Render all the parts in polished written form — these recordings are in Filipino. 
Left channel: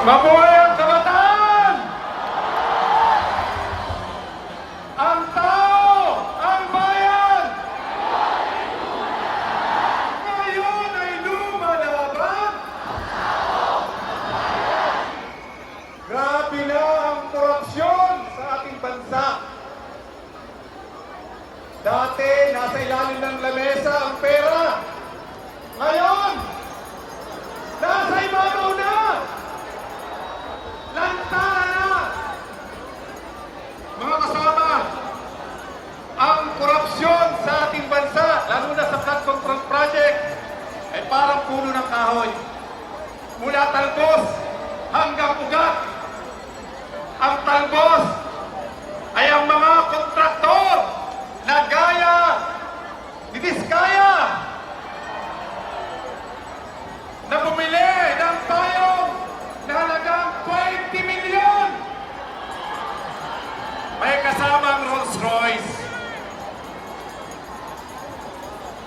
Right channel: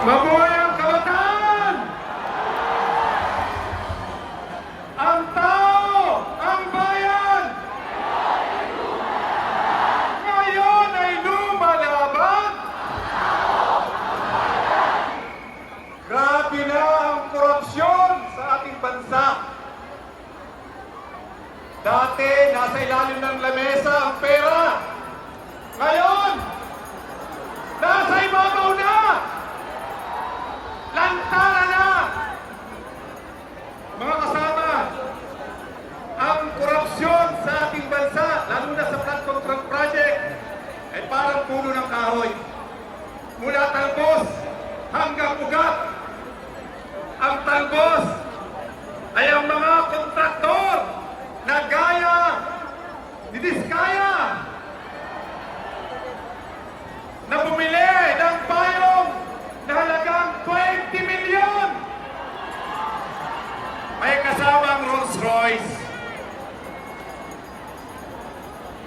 Mabuhay ang kabataan! Ang tao! Ang bayan! Ngayon ay lumalaban! Grabe na ang korupsyon sa ating bansa. Dati, nasa ilalim ng lamesa ang pera. Ngayon, nasa ibabaw na! Lantana na! Mga kasama, ang korupsyon sa ating bansa, lalo na sa Flood Control Project, ay parang puno ng kahoy. Mula talbos hanggang ugat. Ang talbos ay ang mga kontraktor na gaya ni Diskaya na bumili ng payong na halagang 20 milyon. May kasamang Rolls Royce.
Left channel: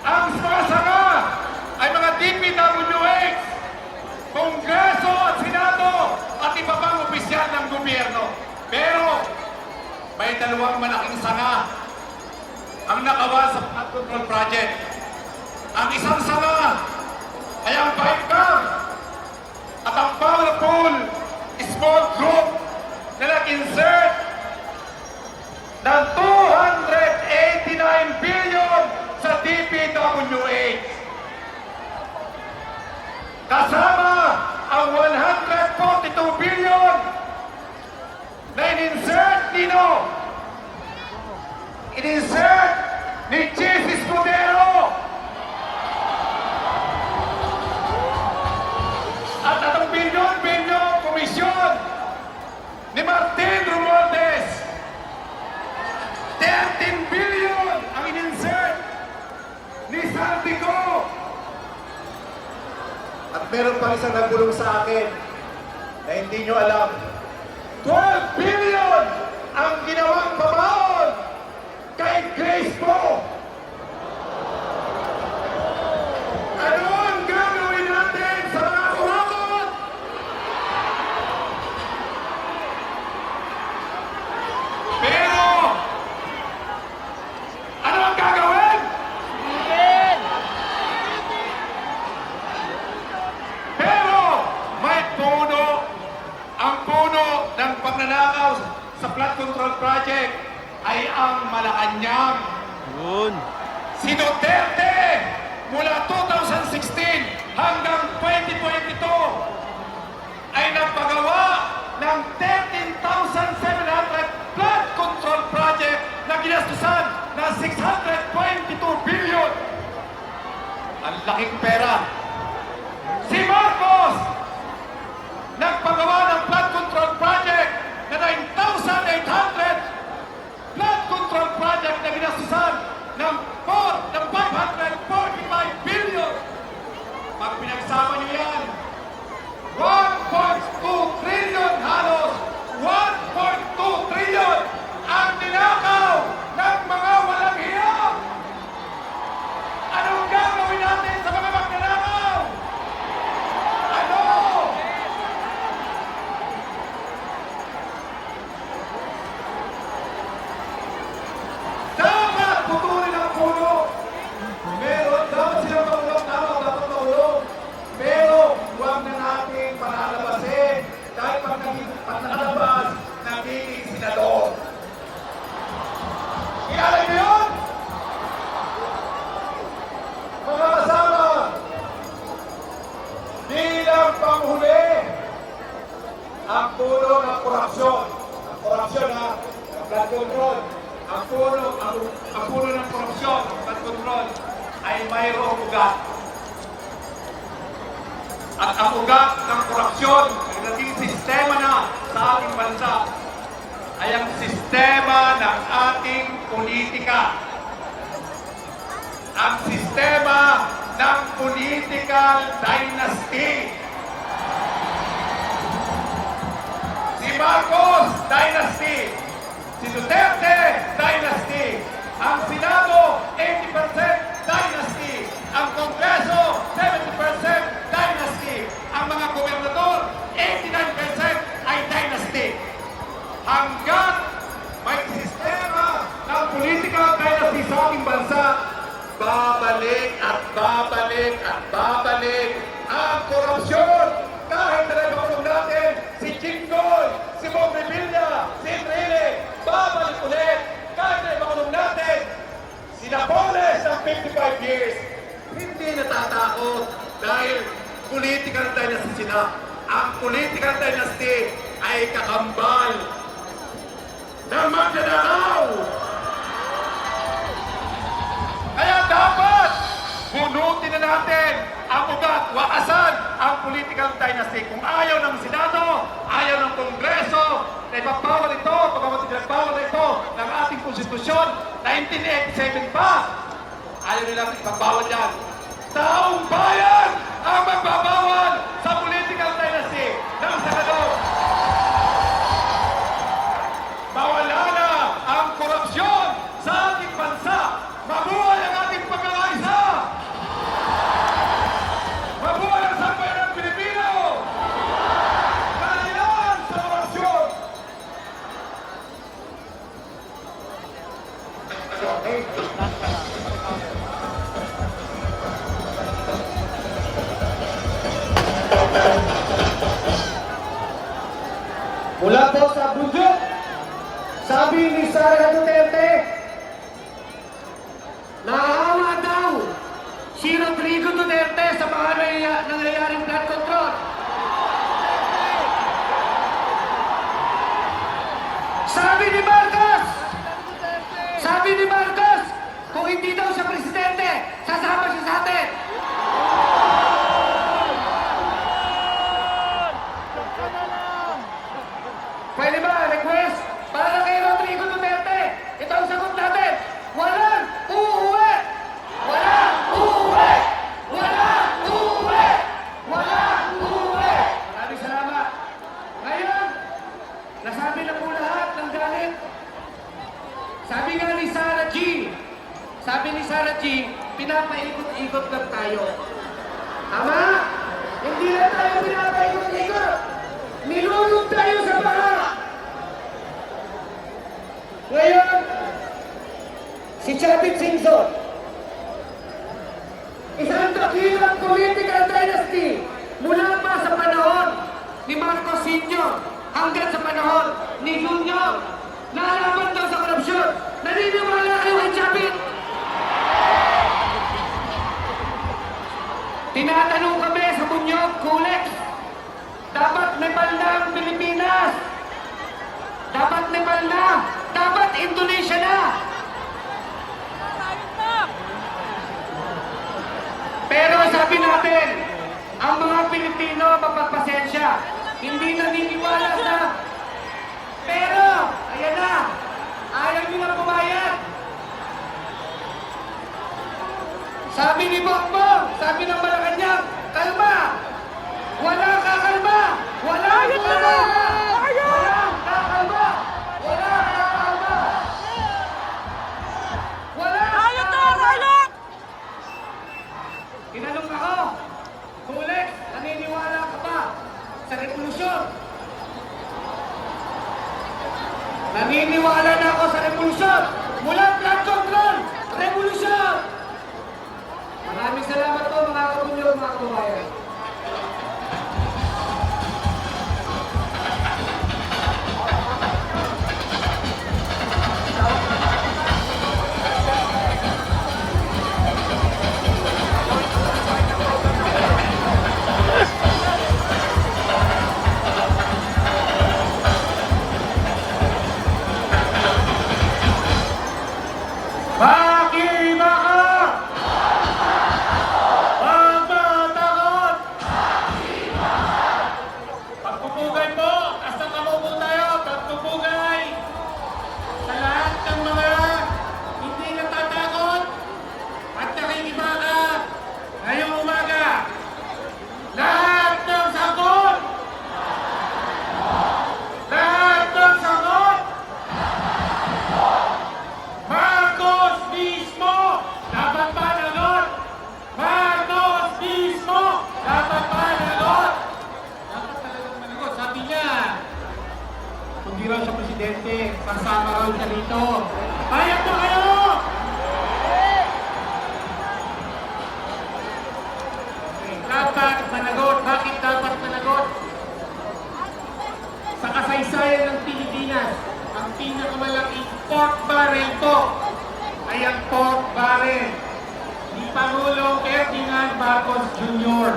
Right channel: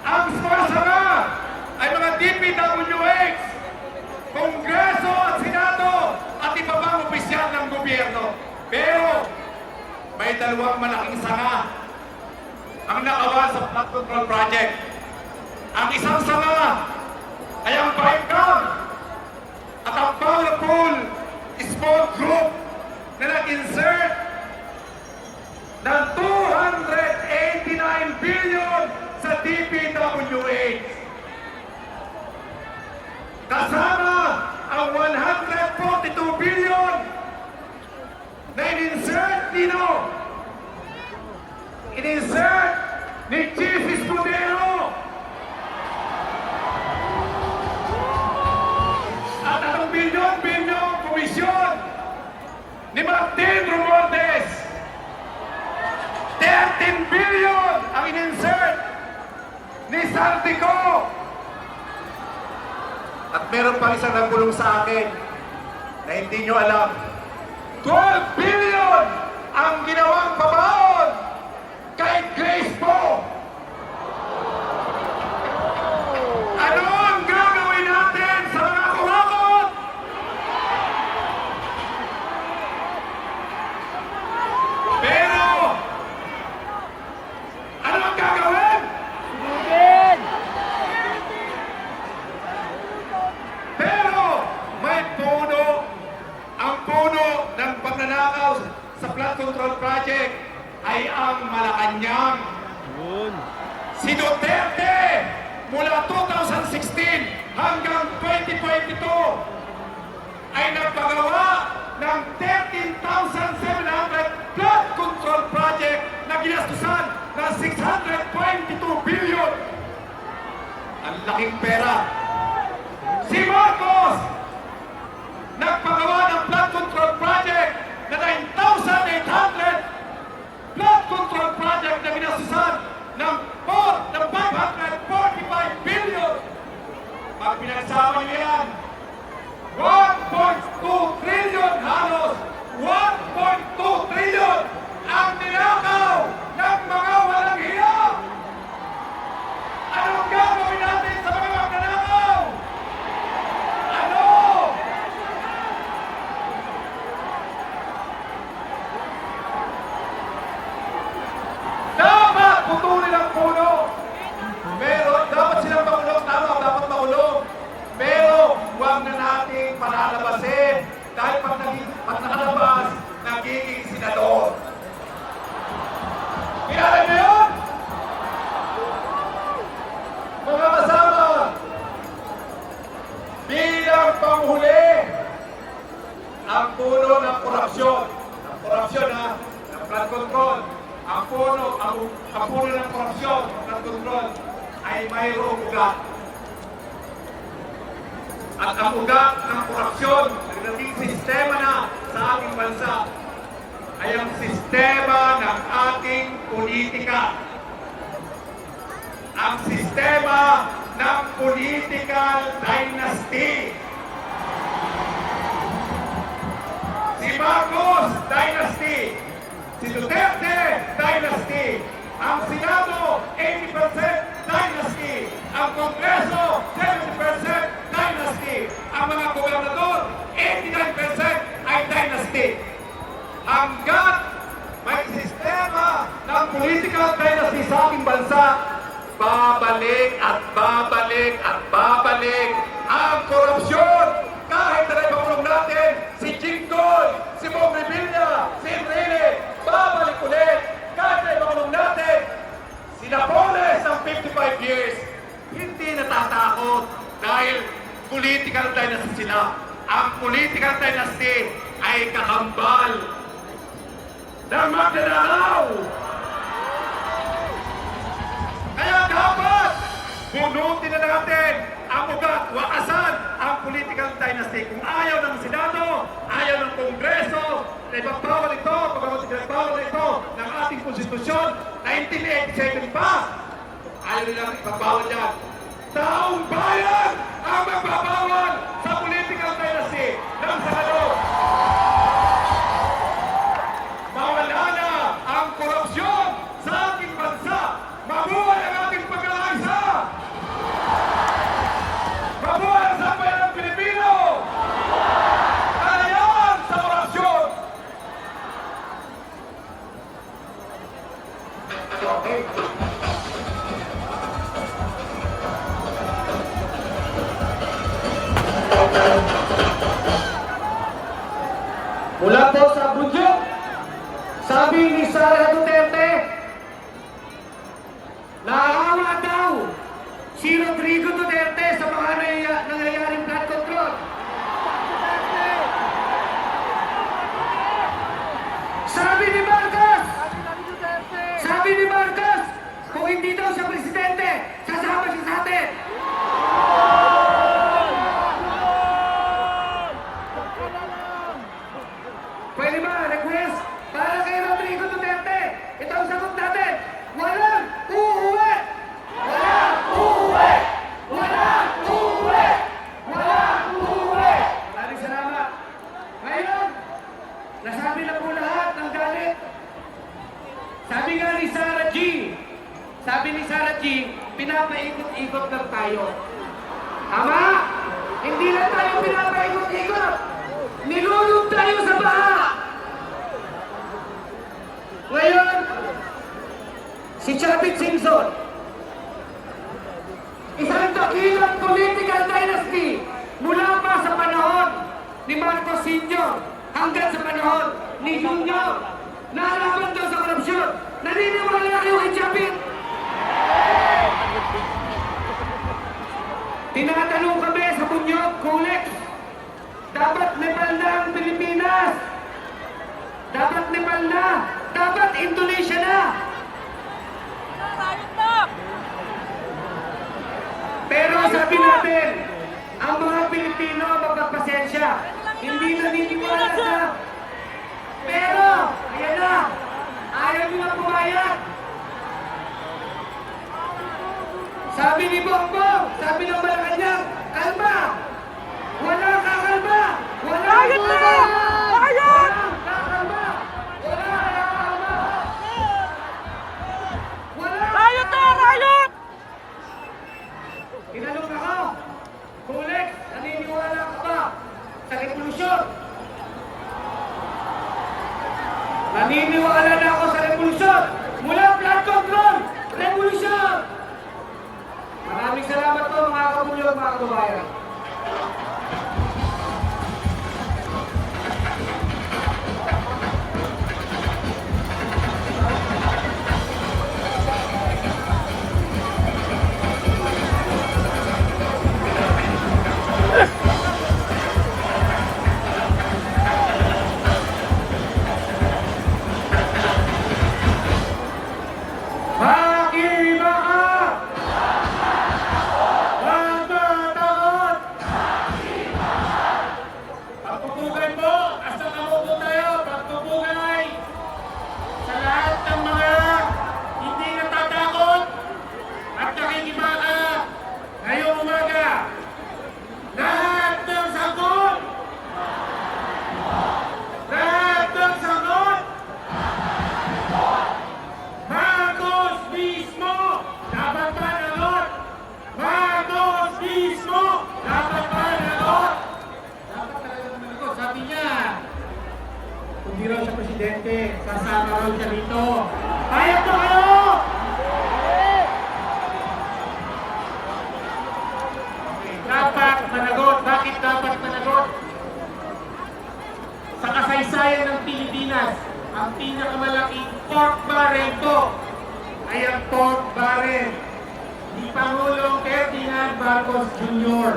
Ang sumasara ay mga DPWH, Kongreso at Senado at iba pang opisyal ng gobyerno. Pero may dalawang malaking sanga ang nakawan sa Flood Control Project. Ang isang sanga ay ang BICAM at ang powerful small group na nag-insert ng 289 billion sa DPWH. Kasama ang 142 billion na in-insert nino. In-insert ni Chief Escudero. At ang bilyon komisyon ni Martin Romualdez. 13 billion ang in-insert ni Santiago. At meron pang isang nagulong sa akin na hindi nyo alam. 12 billion ang ginawang pabaon kay Grace Poe. Ano ang gagawin natin sa mga kurakot? Pero, ano ang gagawin? Pero, may puno, ang puno ng pagnanakaw sa Flood Control Project ay ang Malacanang. Si Duterte, mula 2016 hanggang 2022, ay nagpagawa ng 13,700 flood control project na ginastusan ng 622 billion. Ang laking pera. Si Marcos, nagpagawa ng flood control project na 9,800 flood control project na ginastusan ng 545 billion. Pag pinagsama niyo yan, 1.2 trillion halos, 1.2 trillion ang tinakaw ng mga walang hiya. Anong gagawin natin sa mga magnanakaw? Ano? Dapat putulin ang puno. Pero dapat silang makulong. Tama, dapat makulong. Pero huwag na natin palalabasin. Dahil pag nakalabas, nagiging senador. Kilala niyo yun? Mga kasama, bilang panghuli ng puno ng korupsyon. Korupsyon ha, ng flood control. Ang puno ng korupsyon, flood control, ay mayroong ugat. At ang ugat ng korupsyon, naging sistema na sa ating bansa, ay ang sistema ng ating politika. Ang sistema ng political dynasty. Si Marcos, dynasty. Si Duterte, dynasty. Ang Senado, 80% dynasty. Ang Kongreso, 70% dynasty. Ang mga gobernador, 89% dynasty. Hanggat may sistema ng political dynasty sa ating bansa, babalik at babalik at babalik ang korupsyon. Kahit na ipakulong natin si Jinggoy, si Bong Revilla, si Enrile, babalik ulit. Kahit na ipakulong natin si Napoles ng 55 years, hindi natatakot dahil political dynasty sila. Ang political dynasty ay kakambal ng magnanakaw. Kaya dapat bunutin na natin ang ugat, wakasan ang political dynasty. Kung ayaw ng Senado, ayaw ng Kongreso, na ipapawal ito, pagpapagpapawal ito ng ating konstitusyon, 1987 pa, ayaw lang ipapawal yan. Taong bayan ang magbabawal sa political dynasty ng Senado. Mawala na ang korupsyon sa ating bansa. Mabuhay ang ating pagkakaisa! Mabuhay ang sambayan ng Pilipino! Kalayan sa korupsyon! Mula po sa Bunjok, sabi ni Sara Duterte, naawa daw si Rodrigo Duterte sa mga nangyayaring blood control. Sabi ni Marcos, kung hindi daw siya presidente, sasama siya sa atin. Pwede ba request para kay Rodrigo Duterte? Ito ang sagot natin. Walang uuwi! Walang uuwi! Walang uuwi! Walang uuwi! Maraming salamat. Ngayon, nasabi na po lahat ng galit. Sabi nga ni Sarah G, pinapaikot-ikot lang tayo. Tama? Hindi lang tayo pinapaikot-ikot. Nilulog tayo sa baha. Ngayon, si Chavit Singson, isang dakilang political dynasty mula pa sa panahon ni Marcos Sr. hanggang sa panahon ni Junior na alaman daw sa korupsyon. Naniniwala kayo kay Chavit? Tinatanong kami sa Bunyog, Kulex, dapat may banda ang Pilipinas. Dapat may banda. Dapat Indonesia na. Pero sabi natin, ang mga Pilipino magpapasensya. Hindi naniniwala sa... Pero, ayan na. Ayaw nyo na pumayag. Sabi ni Bongbong, sabi ng Malacanang, kalma. Wala kakalma! Wala kakalma! Walang kakalma! Walang kakalma! Pinalong ako! Kulit, naniniwala ka ba sa revolusyon? Naniniwala na ako sa revolusyon! Mula flood control! Revolusyon! Maraming salamat po mga kapunyog, mga kababayan. Sabi niya, kundi raw sa presidente, sasama raw siya dito. Payag ba kayo? Dapat managot. Bakit dapat managot? Sa kasaysayan ng Pilipinas, ang pinakamalaking pork barrel po ay ang pork barrel ni Pangulong Ferdinand Marcos Jr.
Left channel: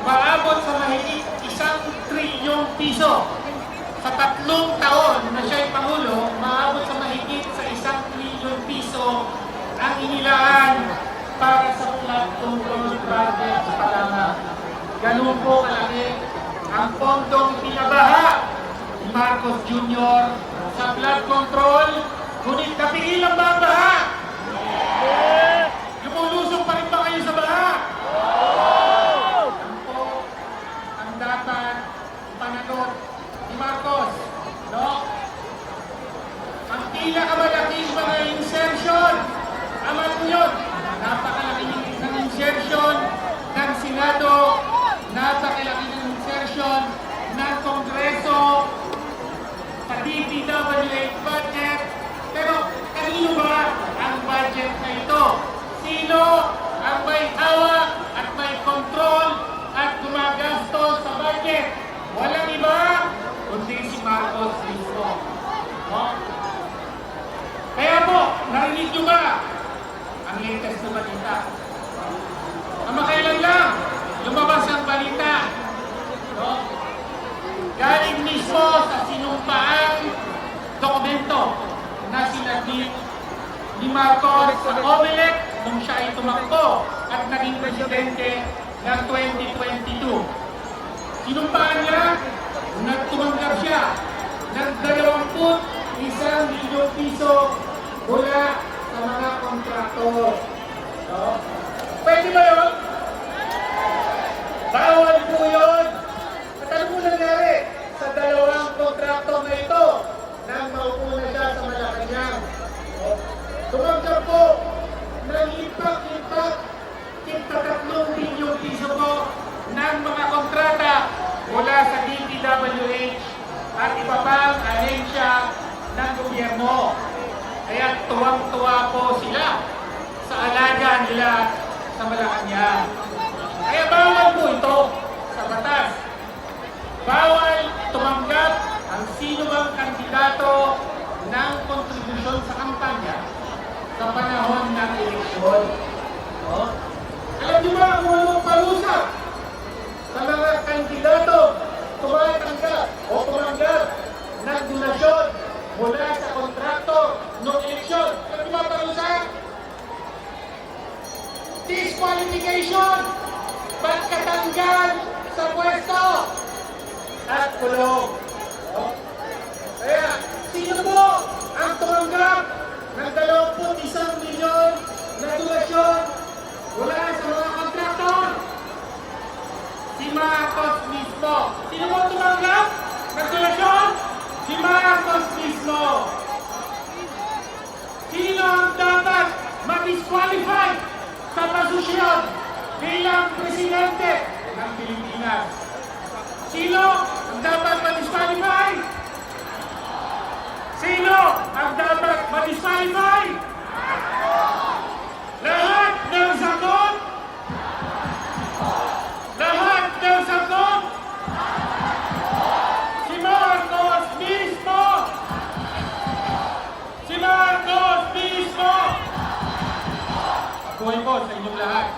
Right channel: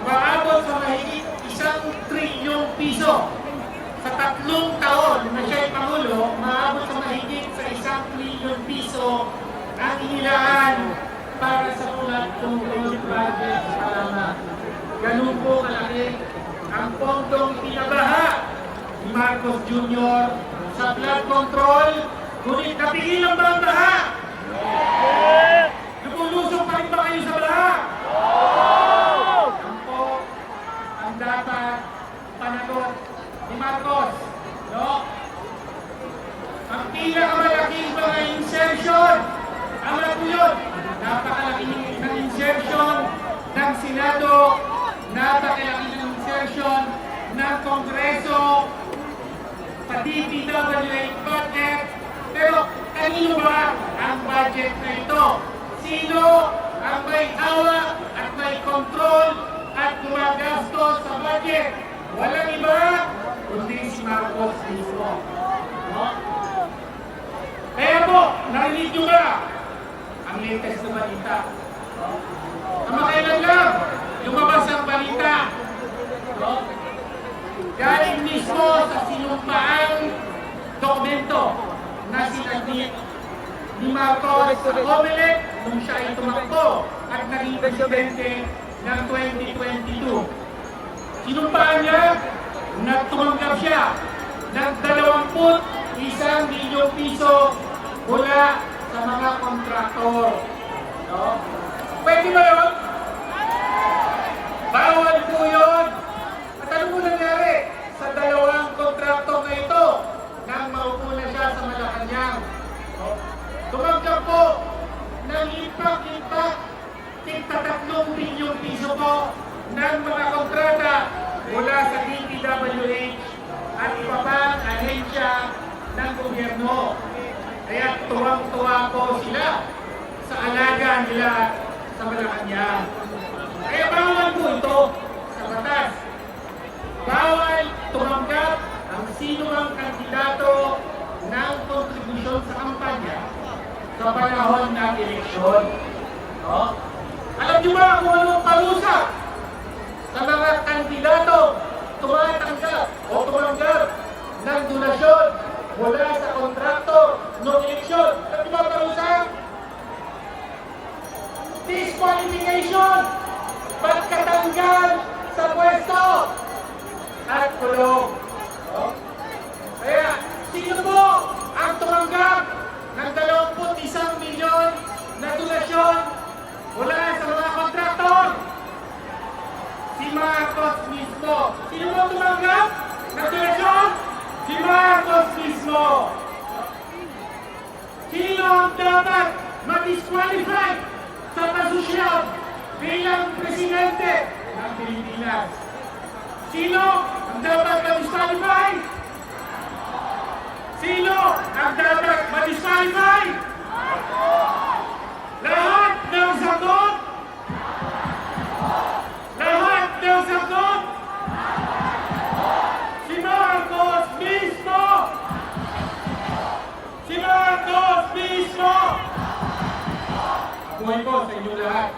Umaabot sa mahigit 1 trilyong piso. Sa 3 taon na siya'y Pangulo, umaabot sa mahigit sa 1 trilyong piso ang inilaan para sa flood control project sa Palawan. Ganun po kalaki ang pondong pinabaha ni Marcos Jr. sa flood control. Ngunit napigilan ba ang baha? Lumulusok pa rin ba kayo sa baha? Yan po ang dapat panagot ni Marcos. No? Ang pinakamalaking mga insertion, tama po yun, napakalaki ng insertion ng Senado, napakalaki ng insertion ng Kongreso, pati PWH budget. Pero kanino ba ang budget na ito? Sino ang may hawak at may control at gumagastos sa budget? Walang iba, kundi si Marcos mismo. No? Kaya po, narinig nyo ba ang latest na balita? Kamakailan lang, lumabas ang balita. No? Galing mismo sa sinumpaang dokumento na sinabit ni Marcos sa Comelec nung siya ay tumakbo at naging presidente ng 2022. Sinumpaan niya na tumanggap siya ng 21 milyong piso mula sa mga kontraktor. No? Pwede ba yun? Bawal po yun! At ano po nangyari sa 2 kontraktor na ito nang maupo na siya sa Malacanang? No? Tumanggap po ng impact 3 bilyong piso po ng mga kontrata mula sa DPWH at iba pang ahensya ng gobyerno. Kaya tuwang-tuwa po sila sa alaga nila sa Malacanang. Kaya bawal po ito sa batas. Bawal tumanggap ang sino bang kandidato ng kontribusyon sa kampanya sa panahon ng eleksyon. No? Alam niyo ba kung anong palusa sa mga kandidato tumatanggap o tumanggap ng donasyon mula sa kontrakto ng eleksyon? Alam niyo ba ang palusa? Disqualification, pagkatanggal sa pwesto, at kulong. Oh. Kaya, sino po ang tumanggap ng 21 milyon na donasyon mula sa mga kontraktor? Si Marcos mismo. Sino po tumanggap ng donasyon? Si Marcos mismo. Sino ang dapat ma-disqualify sa posisyon bilang presidente ng Pilipinas? Sino ang dapat ma-disqualify? Sino ang dapat ma-disqualify? Lahat ng sagot? Lahat ng sagot? Si Marcos mismo! Si Marcos mismo! Buhay po sa inyong lahat.